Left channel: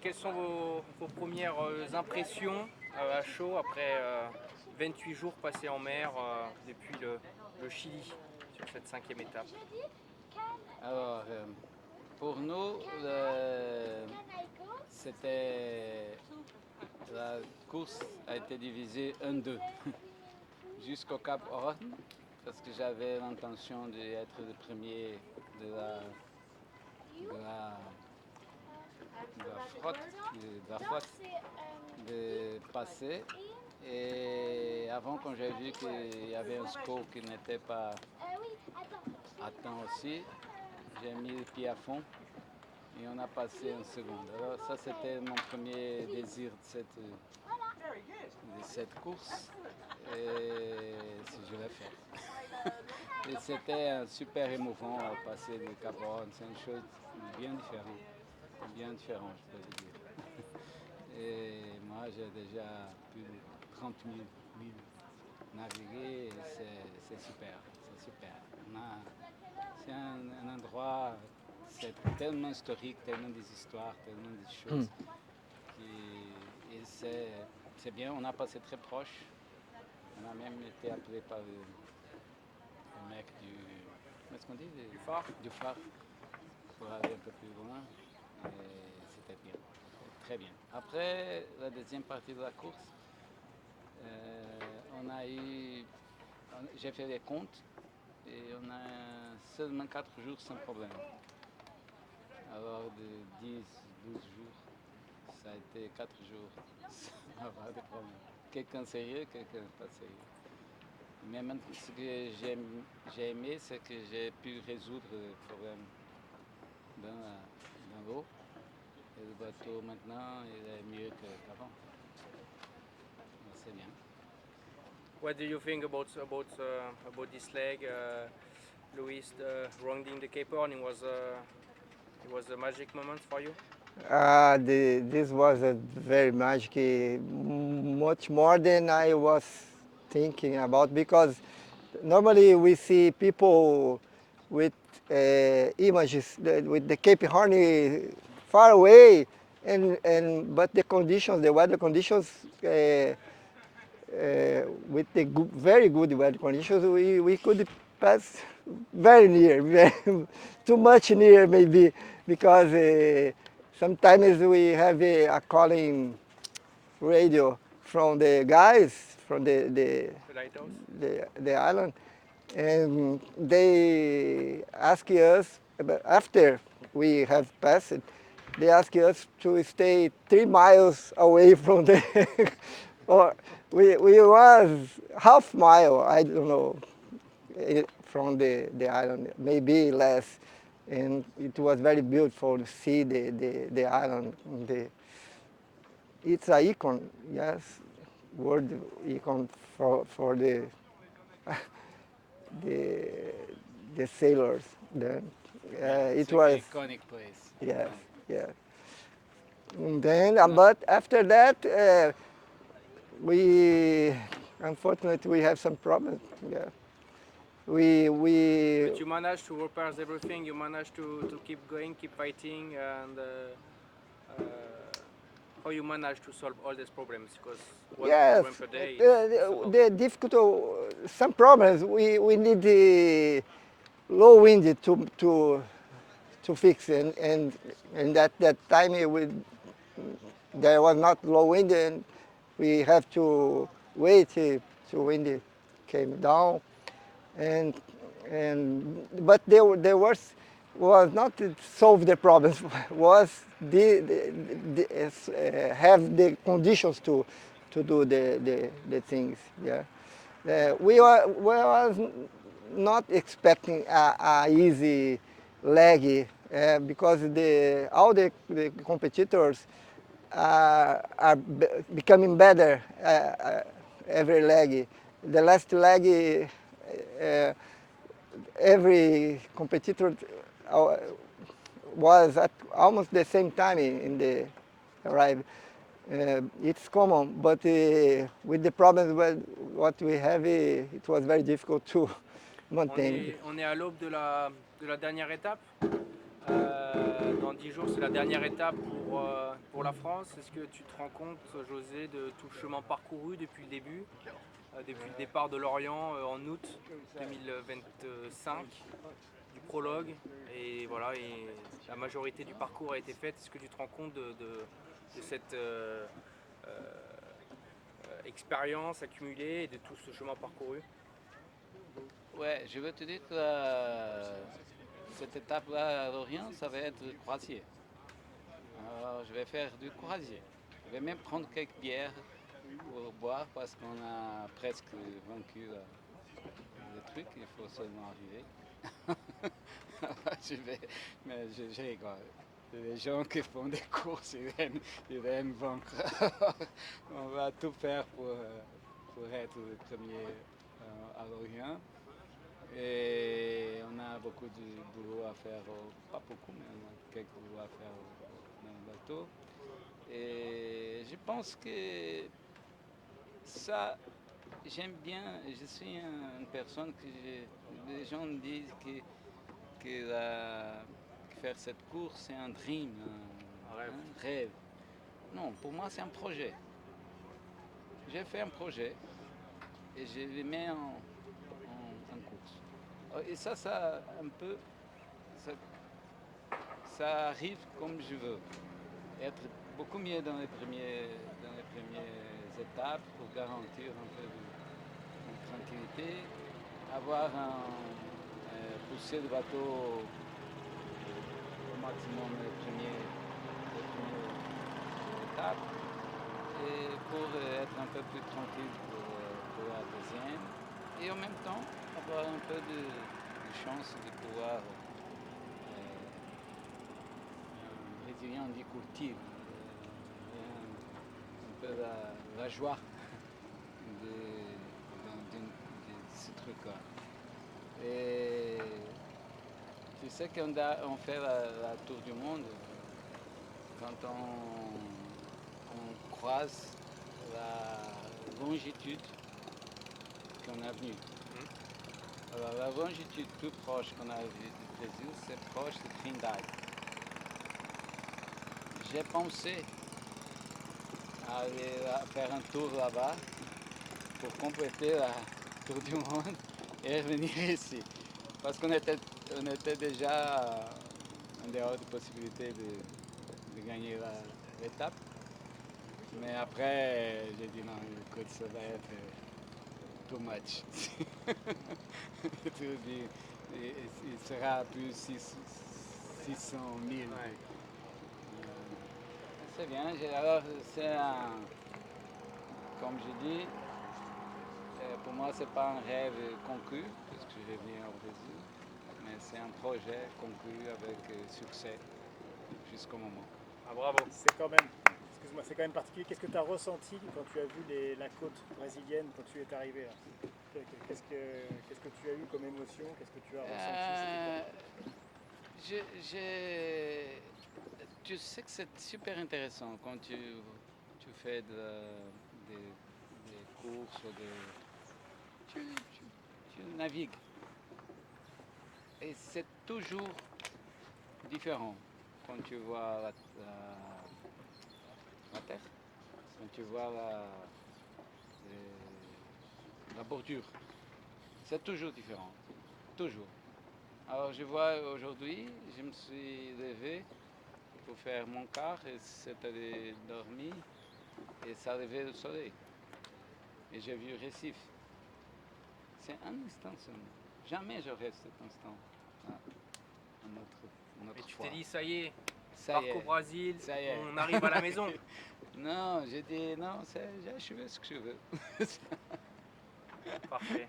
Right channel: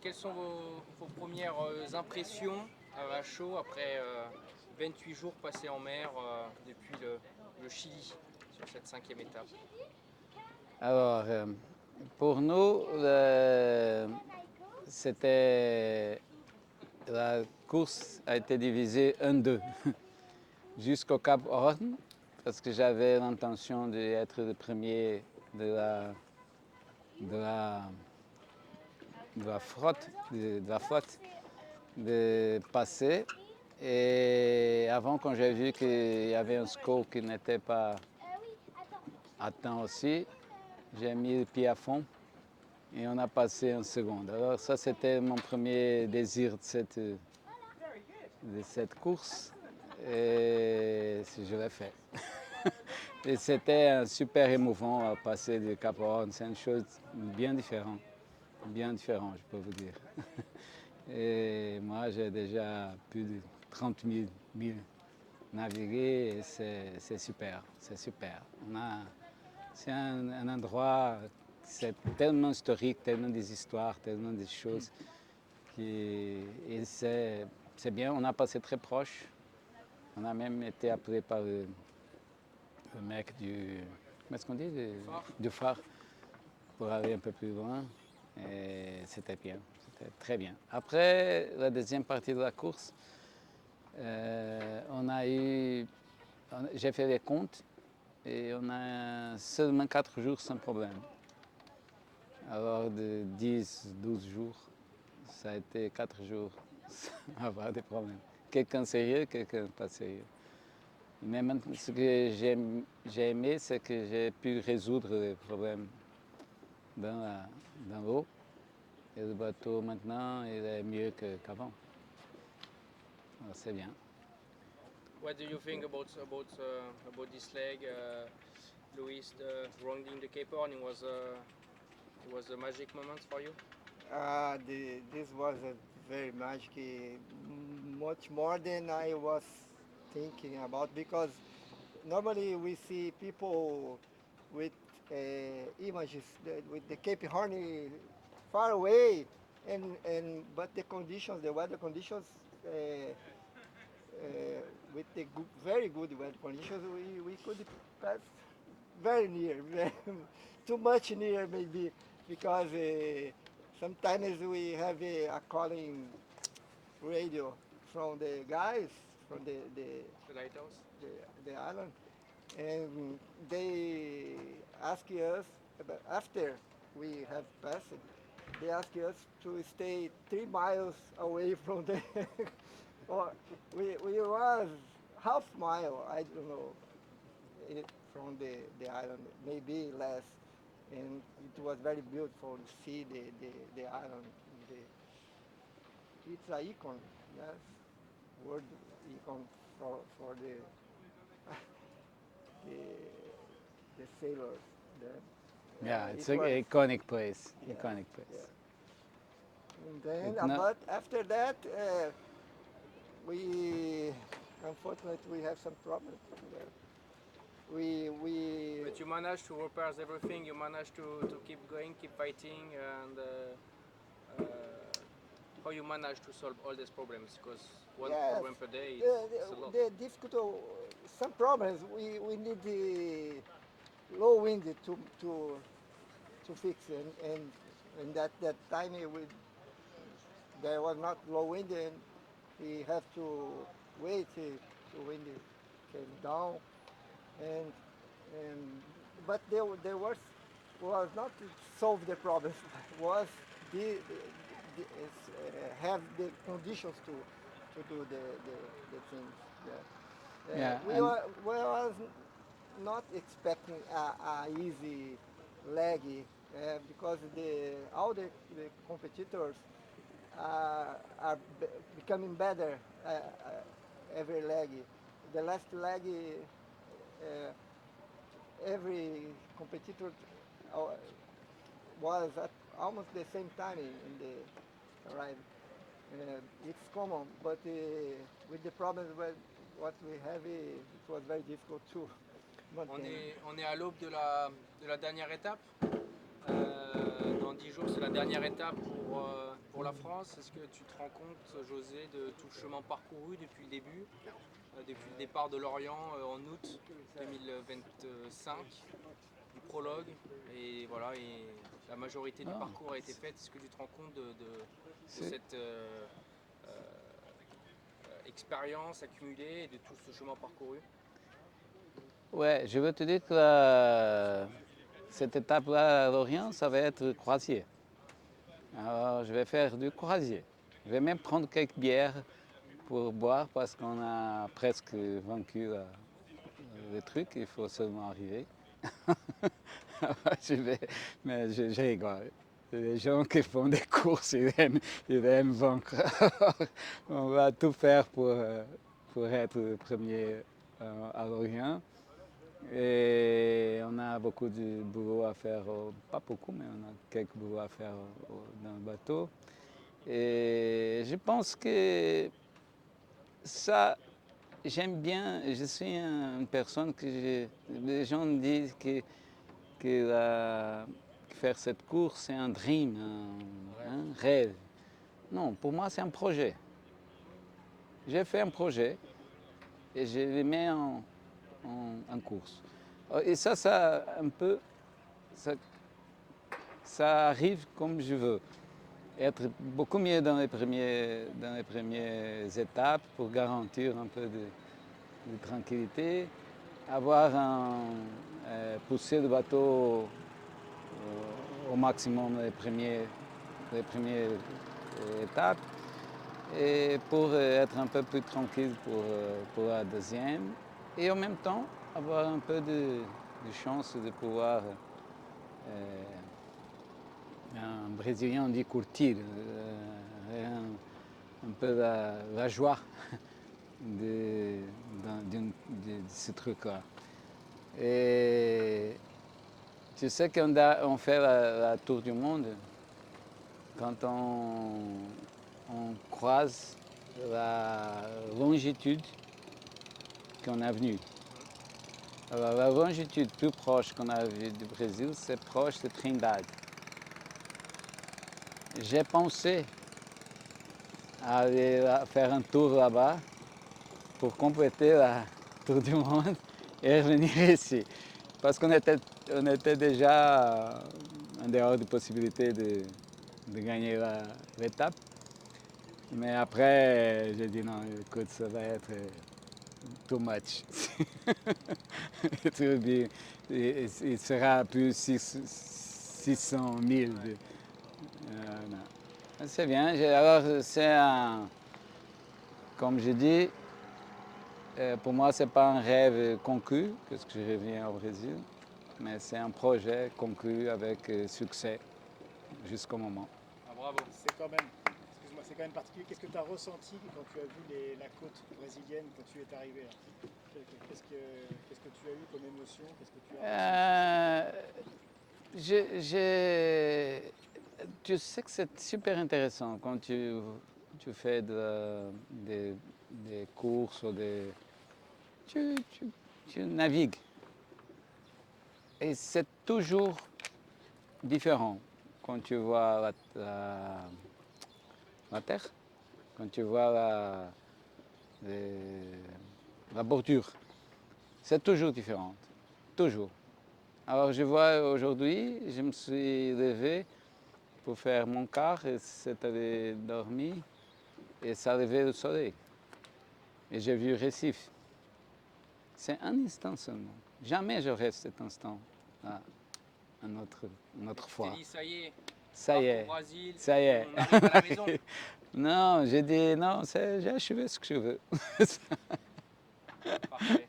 quelles sont vos premières impressions à chaud après 28 jours passés en mer depuis le Chili sur cette 5e étape? Alors, pour nous, c'était la course a été divisée en deux jusqu'au Cap Horn parce que j'avais l'intention d'être le premier de la flotte de passer. Et avant, quand j'ai vu qu'il y avait un score qui n'était pas atteint aussi, j'ai mis le pied à fond et on a passé en seconde. Alors ça, c'était mon premier désir de cette course et je l'ai fait. Et c'était un super émouvant à passer de Cap Horn. C'est une chose bien différente, je peux vous dire. Et moi, j'ai déjà plus de 30 000 milles navigués et c'est super, c'est super. C'est un endroit, c'est tellement historique, tellement des histoires, tellement des choses. Et c'est bien, on a passé très proche. On a même été appelé par le mec comment est-ce qu'on dit, du phare pour aller un peu plus loin. Et c'était bien, c'était très bien. Après la deuxième partie de la course, j'ai fait les comptes et on a seulement 4 jours sans problème. Alors de 10, 12 jours, ça a été 4 jours sans avoir des problèmes. Quelqu'un sérieux, quelqu'un pas sérieux. Mais maintenant, ce que j'ai aimé, c'est que j'ai pu résoudre les problèmes dans l'eau. Et le bateau maintenant, il est mieux qu'avant. Alors c'est bien. What do you think about this leg? Louis rounding the Cape Horn, it was a magic moment for you? This was a very magic, much more than I was thinking about, because normally we see people with images with the Cape Horn far away, but the weather conditions, with the very good weather conditions, we could pass very near, too much near maybe, because sometimes we have a calling radio from the guys from The lighthouse? the island, and they ask us, after we have passed, they ask us to stay 3 miles away from the, or we was half mile, I don't know, from the island, maybe less. And it was very beautiful to see the island. It's an icon, yes, world icon for the, the sailors. It's an iconic place. Yeah, Iconic place. yeah. And then, but after that, we unfortunately we have some problems. Yeah, But you managed to repair everything. You managed to keep going, keep fighting, and how you managed to solve all these problems? Because one yes, problem per day. the difficult, some problems we need the low wind to fix, and that time there was not low wind, and we have to wait till wind came down, and but the worst was not to solve the problems, was have the conditions to do the things. Yeah, we was not expecting a easy leg, because all the competitors are becoming better every leg. The last leg, every competitor was at almost the same time in the arrive. It's common, but with the problems what we have, it was very difficult to maintain. On est à l'aube de la dernière étape. Dans 10 jours, c'est la dernière étape pour la France. Est-ce que tu te rends compte, José, de tout le chemin parcouru depuis le début, depuis le départ de Lorient en août 2025, du prologue, et voilà, et la majorité du parcours a été faite. Est-ce que tu te rends compte de cette expérience accumulée et de tout ce chemin parcouru? Ouais, je veux te dire que cette étape-là à Lorient, ça va être croisier. Alors, je vais faire du croisier. Je vais même prendre quelques bières pour boire parce qu'on a presque vaincu le truc. Il faut seulement arriver. Mais je rigole. Les gens qui font des courses, ils viennent vaincre. On va tout faire pour être premier à Lorient. Et on a beaucoup de boulot à faire, pas beaucoup, mais on a quelques boulots à faire dans le bateau. Et je pense que ça, j'aime bien, je suis une personne les gens disent que faire cette course, c'est un dream, un rêve. Non, pour moi, c'est un projet. J'ai fait un projet et je le mets en course. Et ça un peu, ça arrive comme je veux. Être beaucoup mieux dans les premières étapes pour garantir un peu de tranquillité, pousser le bateau au maximum les premières étapes et pour être un peu plus tranquille pour la deuxième et en même temps avoir un peu de chance de pouvoir un Brésilien dit curtir, un peu la joie de ce truc-là. Et tu sais qu'on fait la tour du monde, quand on croise la longitude qu'on a venue. Alors la longitude plus proche qu'on a vue du Brésil, c'est proche de Trindade. J'ai pensé à aller faire un tour là-bas pour compléter la tour du monde et revenir ici. Parce qu'on était déjà en dehors de possibilité de gagner l'étape. Mais après, j'ai dit non, écoute, ça va être too much. Il sera plus 600 000. Ouais. C'est bien. Alors, comme je dis, pour moi, ce n'est pas un rêve conclu, puisque je reviens au Brésil, mais c'est un projet conclu avec succès jusqu'au moment. Ah, bravo. C'est quand même particulier. Qu'est-ce que tu as ressenti quand tu as vu la côte brésilienne, quand tu es arrivé là? Qu'est-ce que tu as eu comme émotion? Qu'est-ce que tu as ressenti? Tu sais que c'est super intéressant quand tu fais des courses ou tu navigues. Et c'est toujours différent quand tu vois la terre, quand tu vois la bordure. C'est toujours différent, toujours. Alors je vois aujourd'hui, je me suis levé pour faire mon quart et c'est allé dormir et ça levait le soleil. Et j'ai vu Recife. C'est un instant seulement. Jamais je reste cet instant là, une autre fois. Tu t'es dit, ça y est, ça y est, au Brésil, ça y est. on arrive à la maison. Non, j'ai dit non, j'ai achevé ce que je veux. Parfait.